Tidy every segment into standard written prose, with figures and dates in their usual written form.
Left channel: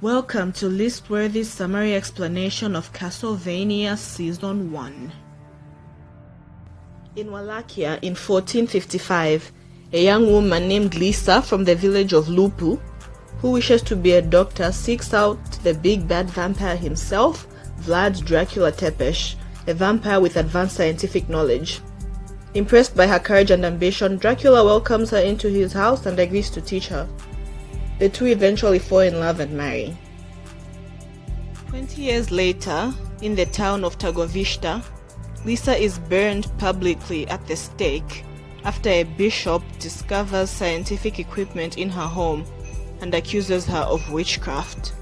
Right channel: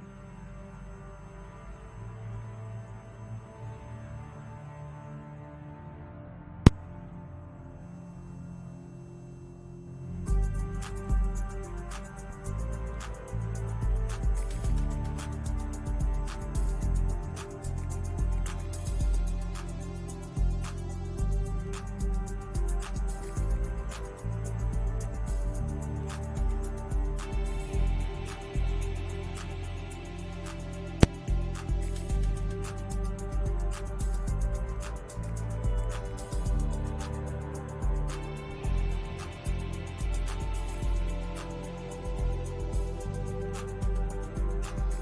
Welcome to list-worthy summary explanation of Castlevania Season 1. In Wallachia in 1455, a young woman named Lisa from the village of Lupu, who wishes to be a doctor, seeks out the big bad vampire himself, Vlad Dracula Tepesh, a vampire with advanced scientific knowledge. Impressed by her courage and ambition, Dracula welcomes her into his house and agrees to teach her. The two eventually fall in love and marry. 20 years later, in the town of Targovishta, Lisa is burned publicly at the stake after a bishop discovers scientific equipment in her home and accuses her of witchcraft.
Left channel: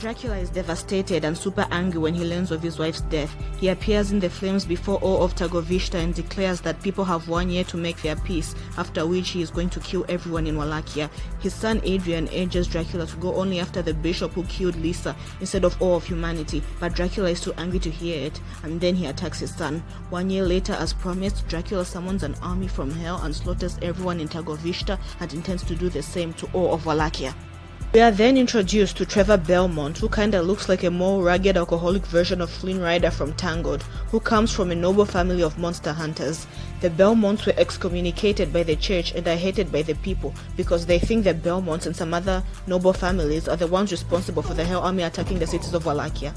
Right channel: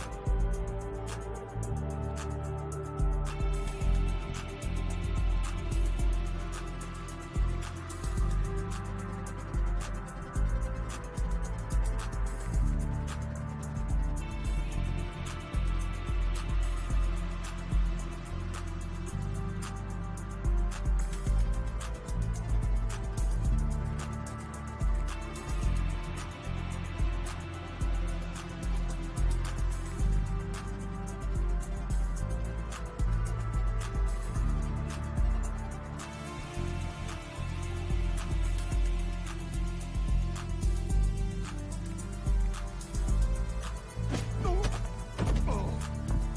Dracula is devastated and super angry when he learns of his wife's death. He appears in the flames before all of Targovishta and declares that people have 1 year to make their peace, after which he is going to kill everyone in Wallachia. His son Adrian urges Dracula to go only after the bishop who killed Lisa instead of all of humanity, but Dracula is too angry to hear it, and then he attacks his son. 1 year later, as promised, Dracula summons an army from hell and slaughters everyone in Targovishta and intends to do the same to all of Wallachia. We are then introduced to Trevor Belmont, who kinda looks like a more rugged alcoholic version of Flynn Rider from Tangled, who comes from a noble family of monster hunters. The Belmonts were excommunicated by the church and are hated by the people because they think the Belmonts and some other noble families are the ones responsible for the Hell Army attacking the cities of Wallachia.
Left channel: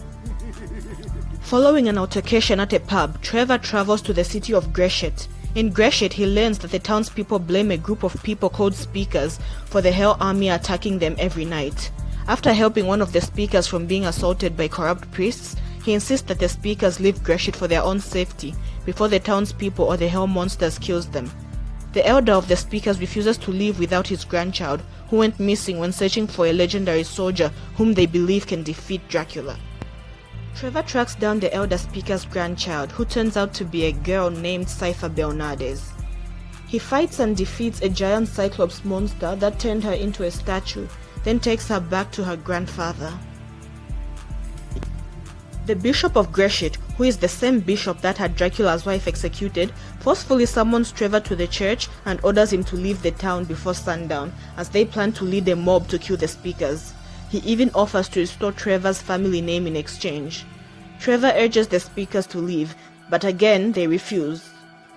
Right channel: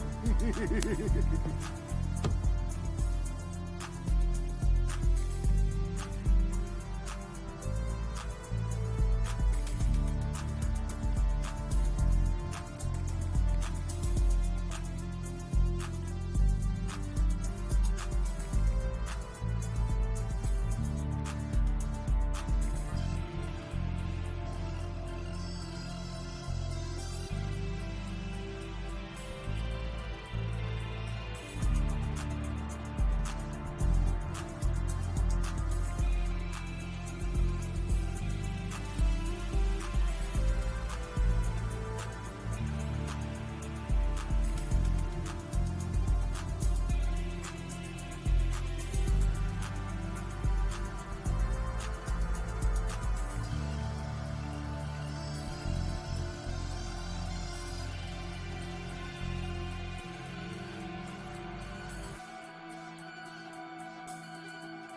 Following an altercation at a pub, Trevor travels to the city of Greshet. In Greshet, he learns that the townspeople blame a group of people called Speakers for the Hell Army attacking them every night. After helping one of the Speakers from being assaulted by corrupt priests, he insists that the Speakers leave Greshet for their own safety before the townspeople or the Hell Monsters kills them. The elder of the Speakers refuses to leave without his grandchild, who went missing when searching for a legendary soldier whom they believe can defeat Dracula. Trevor tracks down the elder Speaker's grandchild, who turns out to be a girl named Cypher Bernardes. He fights and defeats a giant Cyclops monster that turned her into a statue, then takes her back to her grandfather. The Bishop of Greshet, who is the same bishop that had Dracula's wife executed, forcefully summons Trevor to the church and orders him to leave the town before sundown, as they plan to lead a mob to kill the Speakers. He even offers to restore Trevor's family name in exchange. Trevor urges the Speakers to leave, but again they refuse.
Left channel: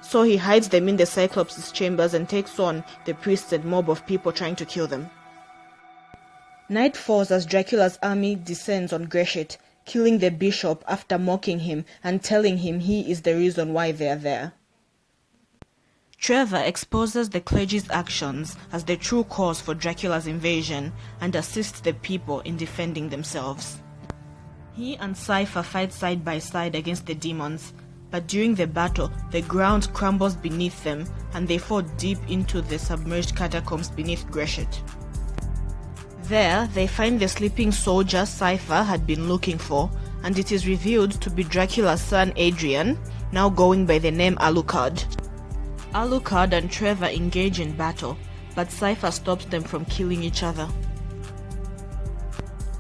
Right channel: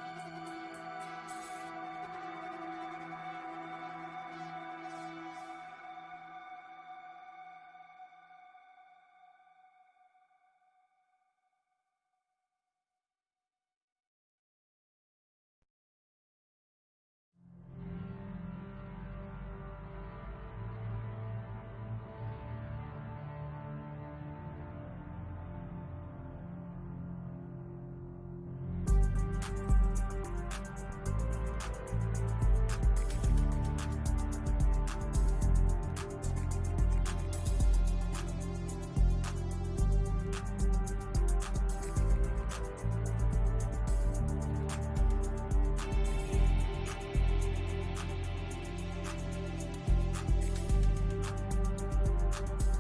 So he hides them in the Cyclops' chambers and takes on the priests and mob of people trying to kill them. Night falls as Dracula's army descends on Greshet, killing the bishop after mocking him and telling him he is the reason why they are there. Trevor exposes the clergy's actions as the true cause for Dracula's invasion and assists the people in defending themselves. He and Cypher fight side by side against the demons, but during the battle, the ground crumbles beneath them and they fall deep into the submerged catacombs beneath Greshet. There, they find the sleeping soldier Cypher had been looking for, and it is revealed to be Dracula's son Adrian, now going by the name Alucard. Alucard and Trevor engage in battle, but Cypher stops them from killing each other.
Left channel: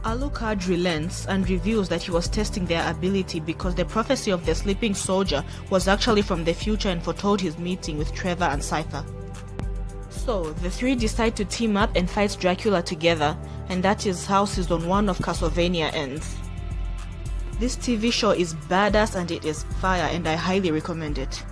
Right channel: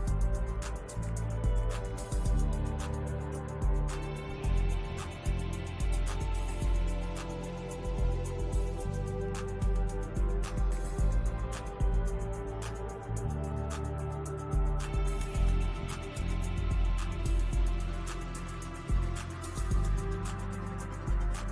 Alucard relents and reveals that he was testing their ability because the prophecy of the sleeping soldier was actually from the future and foretold his meeting with Trevor and Cypher. So, the three decide to team up and fight Dracula together, and that is how Season 1 of Castlevania ends. This TV show is badass and it is fire, and I highly recommend it.